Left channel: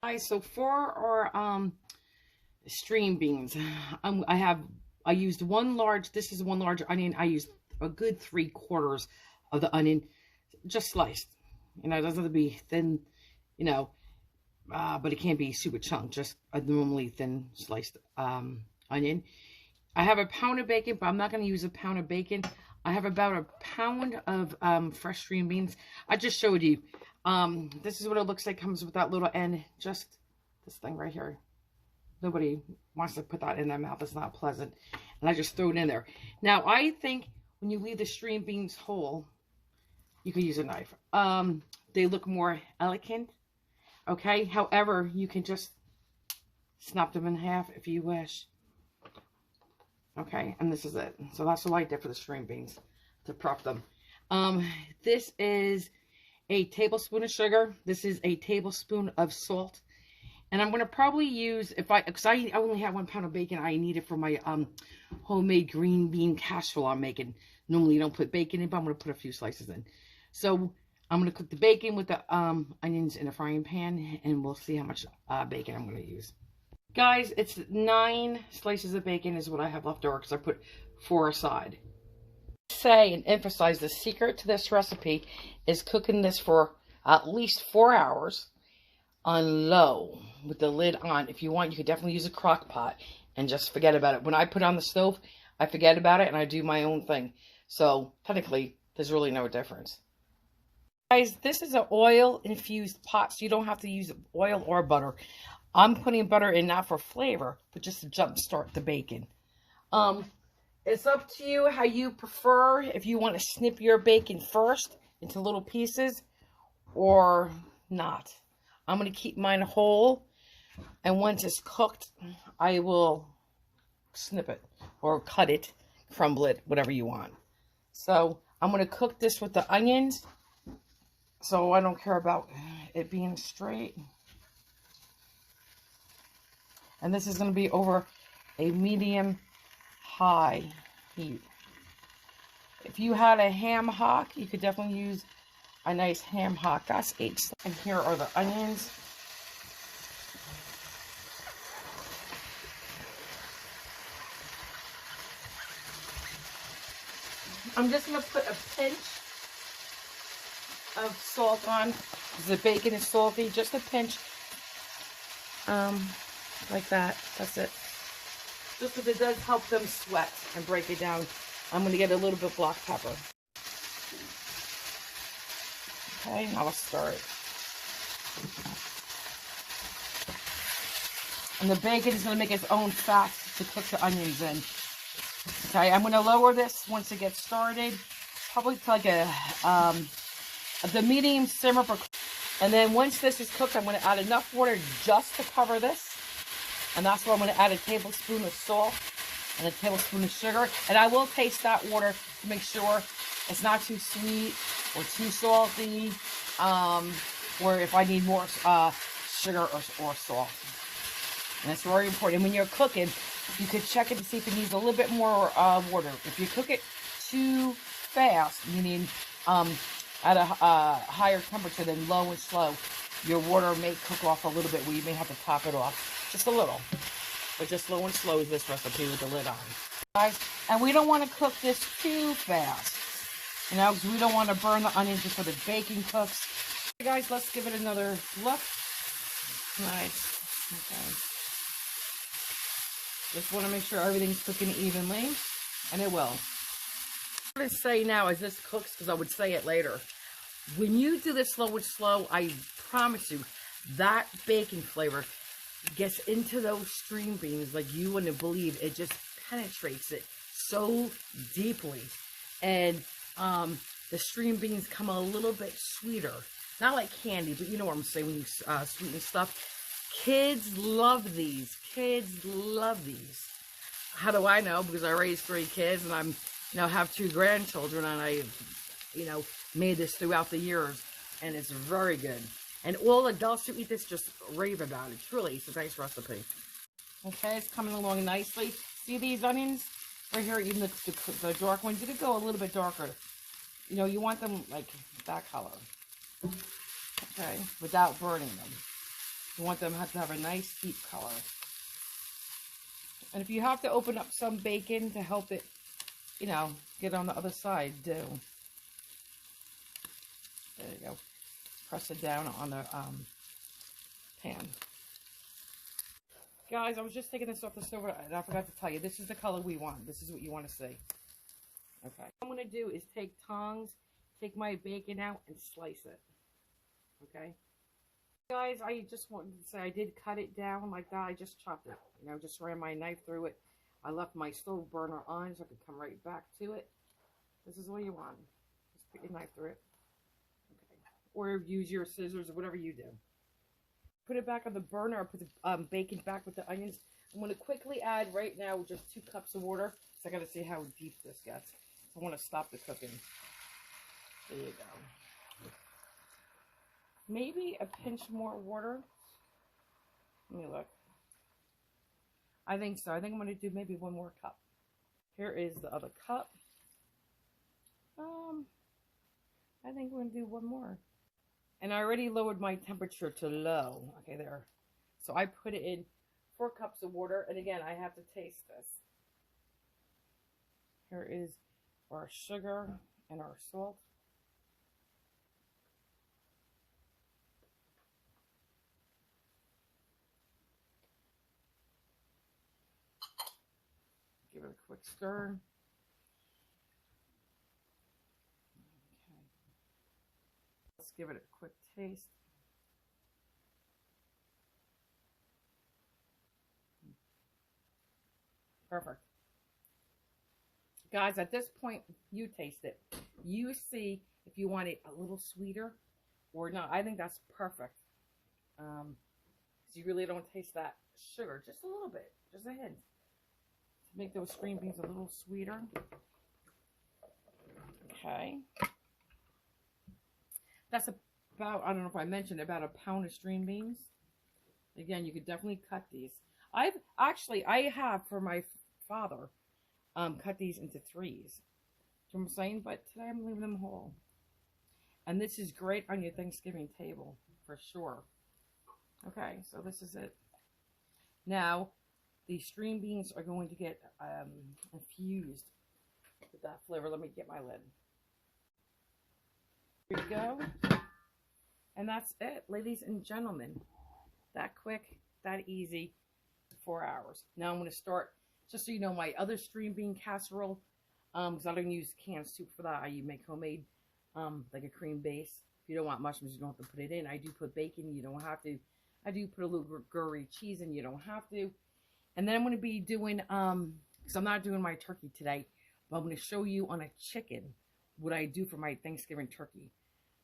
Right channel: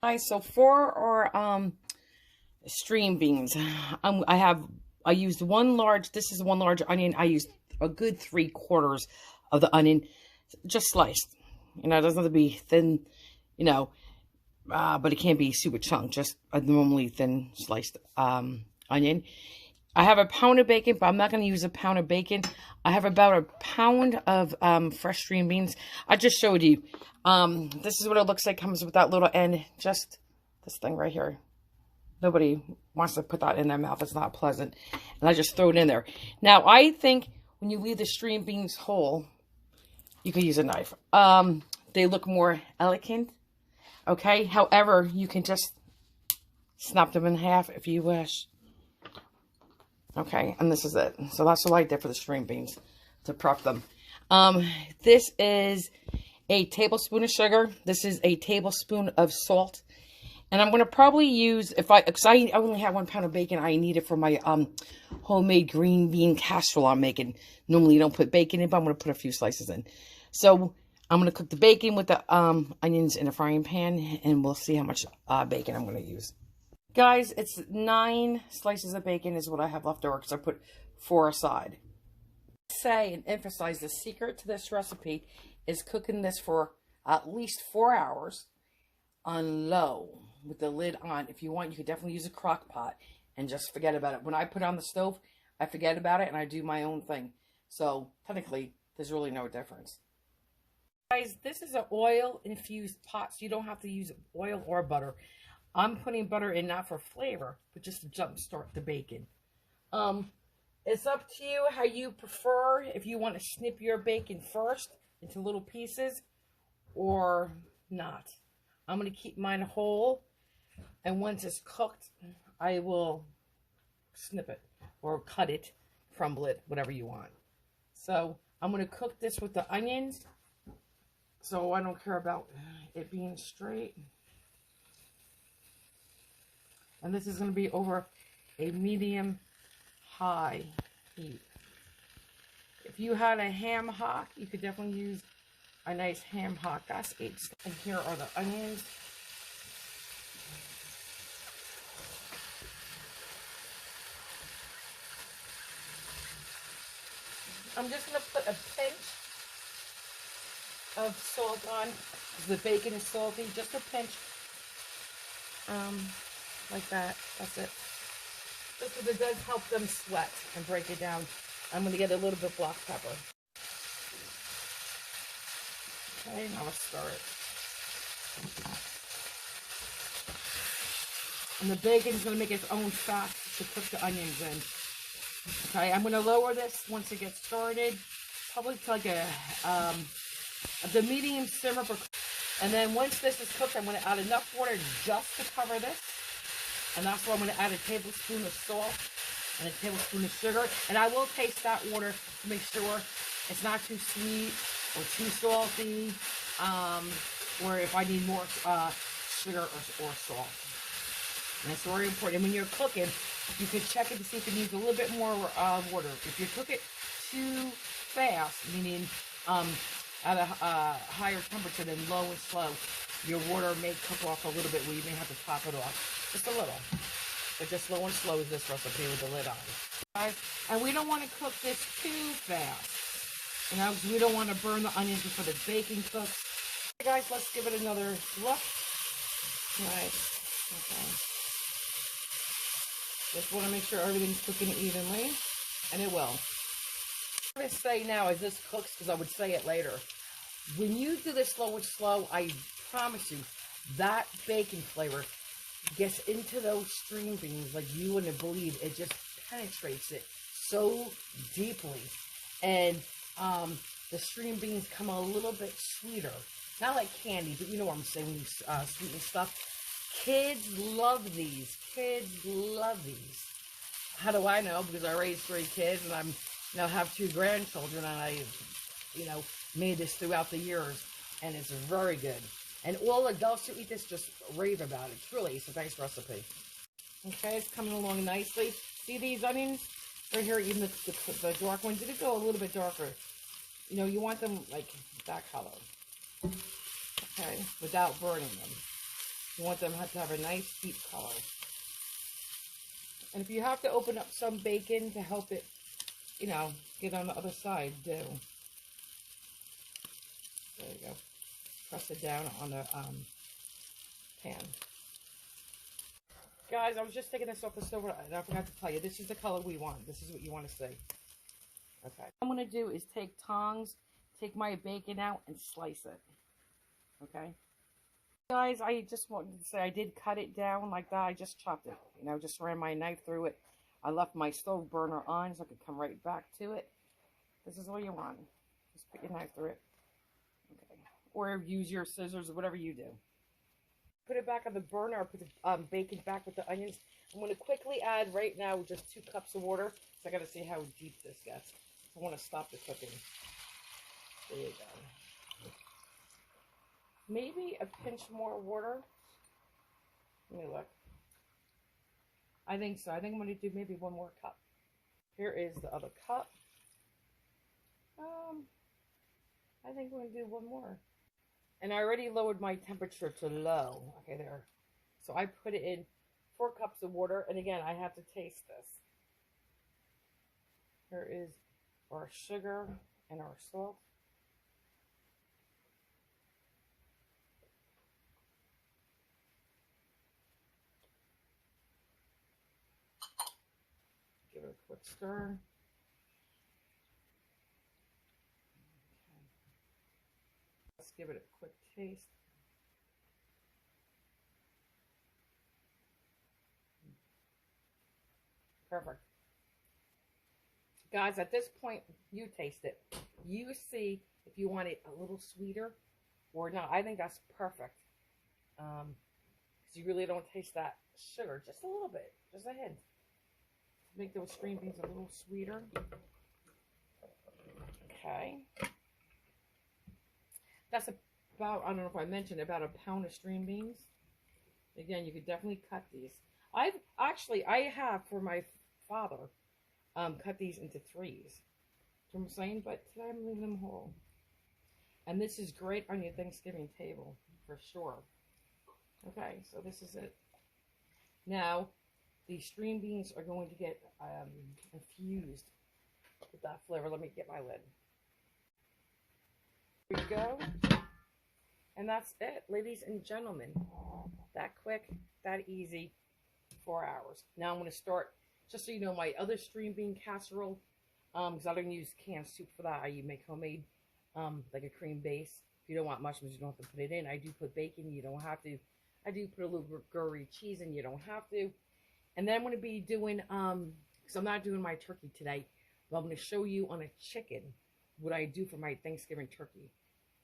Guys, so for our string beans, I used one large. This is one large onion. I used a good 3/4 of the onion, just sliced. You know, it doesn't have to be thin. You know, but it can't be super chunk. Just a normally thin sliced onion. I have a pound of bacon, but I'm not going to use a pound of bacon. I have about a pound of fresh string beans. I just showed you. This is what it looks like. Comes with that little end. Just this thing right here. Nobody wants to put that in their mouth. It's not pleasant. And I just throw it in there. Now, I think when you leave the string beans whole, you could use a knife. They look more elegant. Okay? However, you can just snap them in half if you wish. Okay, and this is it. So that's what I did for the string beans to prep them. This is a tablespoon of sugar. This is a tablespoon of salt. And I'm going to probably use, because I only have 1 pound of bacon I need it for my homemade green bean casserole I'm making. Normally you don't put bacon in, but I'm going to put a few slices in. So I'm going to cook the bacon with the onions in a frying pan, and we'll see how much bacon I'm going to use. Guys, it's 9 slices of bacon is what I have left over because I put 4 aside. Say and emphasize the secret to this recipe is cooking this for at least 4 hours on low with the lid on. If you want, you could definitely use a crock pot and just forget about it. When I put it on the stove, I forget about it and I do my own thing. So technically, there's really no difference. Guys, this is an oil infused pot, so you don't have to use oil or butter. I'm putting butter in not for flavor, but just to jumpstart the bacon. It's up to you how you prefer. If you want to snip your bacon first into little pieces or not. I'm going to keep mine whole. And once it's cooked, I will snip it or cut it, crumble it, whatever you want. So I'm going to cook this with the onions. So I don't care about it being straight. And this is going to be over a medium-high heat. If you had a ham hock, you could definitely use a nice ham hock. That's 8. And here are the onions. I'm just going to put a pinch of salt on because the bacon is salty. Just a pinch. Like that. That's it. Just because it does help them sweat and break it down. I'm going to get a little bit black pepper. Okay, now let's stir it. And the bacon is going to make its own fat to cook the onions in. Okay, I'm going to lower this once it gets started. Probably to like the medium simmer. And then once this is cooked, I'm going to add enough water just to cover this. And that's where I'm going to add a tablespoon of salt and a tablespoon of sugar. And I will taste that water to make sure it's not too sweet or too salty. Or if I need more sugar or salt. And it's very important. And when you're cooking, you can check it to see if it needs a little bit more water. If you cook it too fast, meaning at a higher temperature than low and slow, your water may cook off a little bit where you may have to top it off. Just a little. But just slow and slow is this recipe with the lid on. Guys, and we don't want to cook this too fast. You know, because we don't want to burn the onions before the bacon cooks. Okay, guys, let's give it another look. Nice. Okay. Just want to make sure everything's cooking evenly. And it will. I'm going to say now as this cooks, because I would say it later. When you do this slow and slow, I promise you, that bacon flavor gets into those string beans like you wouldn't believe. It just penetrates it so deeply. And the string beans come a little bit sweeter. Not like candy, but you know what I'm saying when you sweeten stuff. Kids love these. Kids love these. How do I know? Because I raised 3 kids and I'm have 2 grandchildren, and I, made this throughout the years, and it's very good. And all adults who eat this just rave about it. It's a nice recipe. Okay, it's coming along nicely. See these onions? Right here, even the dark ones. Did it go a little bit darker? You want them like that color. Okay, without burning them. You want them to have a nice deep color. And if you have to open up some bacon to help it, you know, get on the other side, do. There you go. Press it down on the pan. Guys, I was just taking this off the stove and I forgot to tell you, this is the color we want. This is what you want to see. Okay. What I'm going to do is take tongs, take my bacon out, and slice it. Okay. Guys, I just wanted to say I did cut it down like that. I just chopped it. You know, just ran my knife through it. I left my stove burner on so I could come right back to it. This is all you want. Just put your knife through it. Okay. Or use your scissors or whatever you do. Put it back on the burner. Or put the bacon back with the onions. I'm going to quickly add right now just 2 cups of water. So I got to see how deep this gets. I want to stop the cooking. There you go. Maybe a pinch more water. Let me look. I think so. I think I'm going to do maybe 1 more cup. Here is the other cup. I think we're going to do 1 more. And I already lowered my temperature to low. Okay, there. So I put it in 4 cups of water. And again, I have to taste this. Here is our sugar and our salt. Give it a quick stir. Okay. Let's give it a quick taste. Perfect. Guys, at this point, you taste it. You see if you want it a little sweeter or not. I think that's perfect. Because you really don't taste that sugar. Just a little bit. Just a hint. Make those string beans a little sweeter. Okay. That's about, I don't know if I mentioned, about a pound of string beans. Again, you could definitely cut these. I have for my father cut these into 3s. You know what I'm saying? But today I'm leaving them whole. And this is great on your Thanksgiving table for sure. Okay, so this is it. Now, these string beans are going to get infused with that flavor. Let me get my lid. Here we go. And that's it, ladies and gentlemen. That quick, that easy, 4 hours. Now I'm going to start, just so you know, my other string bean casserole, because I don't use canned soup for that. I make homemade, like a cream base. If you don't want mushrooms, you don't have to put it in. I do put bacon, you don't have to. I do put a little gory cheese in, you don't have to. And then I'm going to be doing, because I'm not doing my turkey today, but I'm going to show you on a chicken what I do for my Thanksgiving turkey,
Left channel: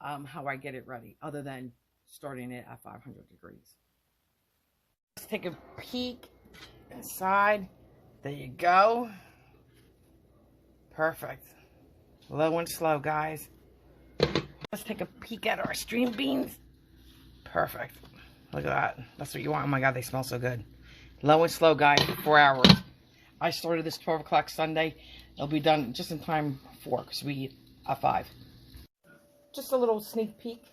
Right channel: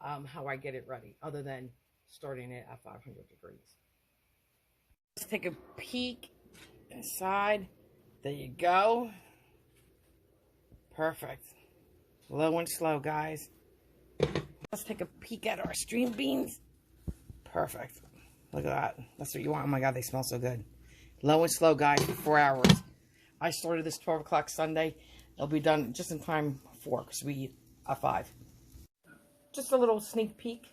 how I get it ready, other than starting it at 500 degrees. Let's take a peek inside. There you go. Perfect. Low and slow, guys. Let's take a peek at our string beans. Perfect. Look at that. That's what you want. Oh my God, they smell so good. Low and slow, guys, for 4 hours. I started this 12 o'clock Sunday. It'll be done just in time for, because we eat at 5. Just a little sneak peek.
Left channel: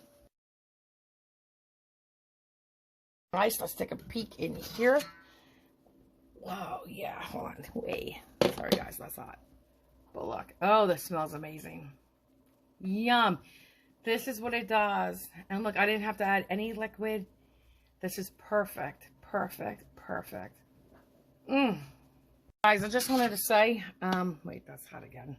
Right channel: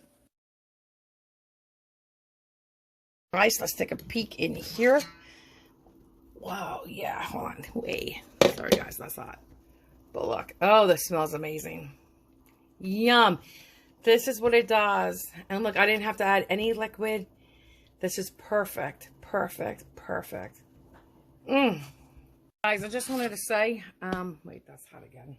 Nice. Let's take a peek in here. Wow, yeah. Hold on. Wait. Sorry, guys. That's hot. But look. Oh, this smells amazing. Yum. This is what it does. And look, I didn't have to add any liquid. This is perfect. Perfect. Perfect. Guys, I just wanted to say, wait, that's hot again.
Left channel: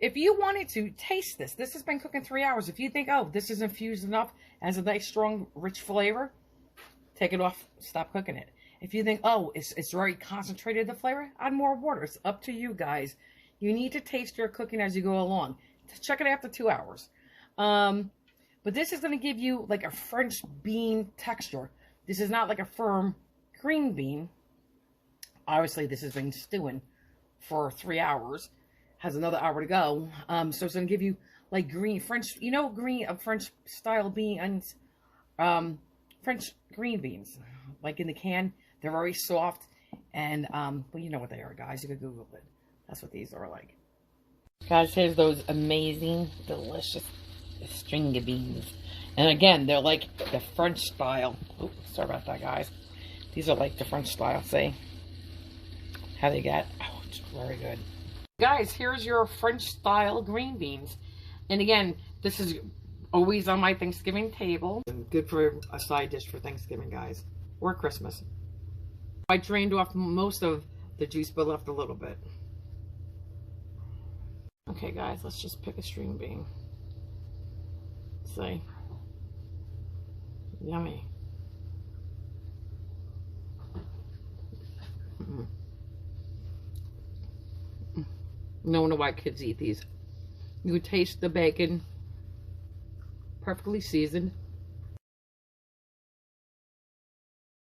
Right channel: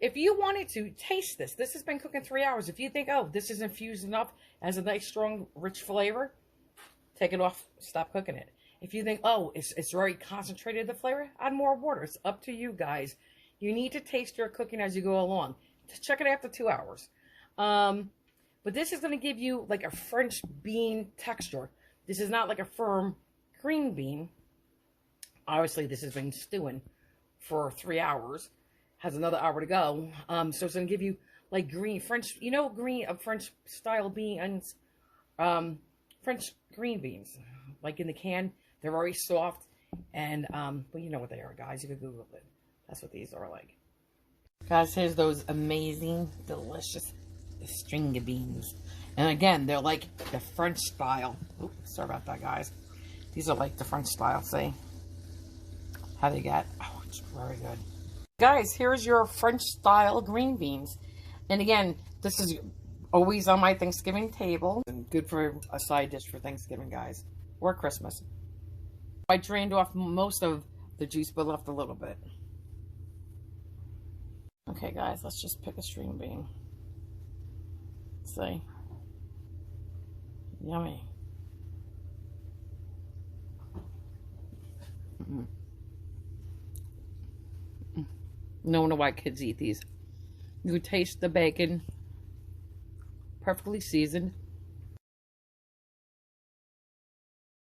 If you wanted to taste this, this has been cooking 3 hours. If you think, oh, this is infused enough, has a nice, strong, rich flavor, take it off, stop cooking it. If you think, oh, it's very concentrated, the flavor, add more water. It's up to you guys. You need to taste your cooking as you go along. Just check it after 2 hours. But this is going to give you like a French bean texture. This is not like a firm green bean. Obviously, this has been stewing for 3 hours. Has another hour to go. So it's going to give you like green French, you know, French style beans, French green beans, like in the can. They're very soft, and well, you know what they are, guys. You can Google it. That's what these are like. Guys, here's those amazing, delicious string of beans. And again, they're like the French style. Oops, sorry about that, guys. These are like the French style. See how they get? Oh, it's very good. Guys, here's your French style green beans. And again, this is always on my Thanksgiving table. And good for a side dish for Thanksgiving, guys. Or Christmas. I drained off most of the juice, but left a little bit. Okay, guys, let's just pick a string bean. See? Yummy. No wonder why kids eat these. You taste the bacon, perfectly seasoned.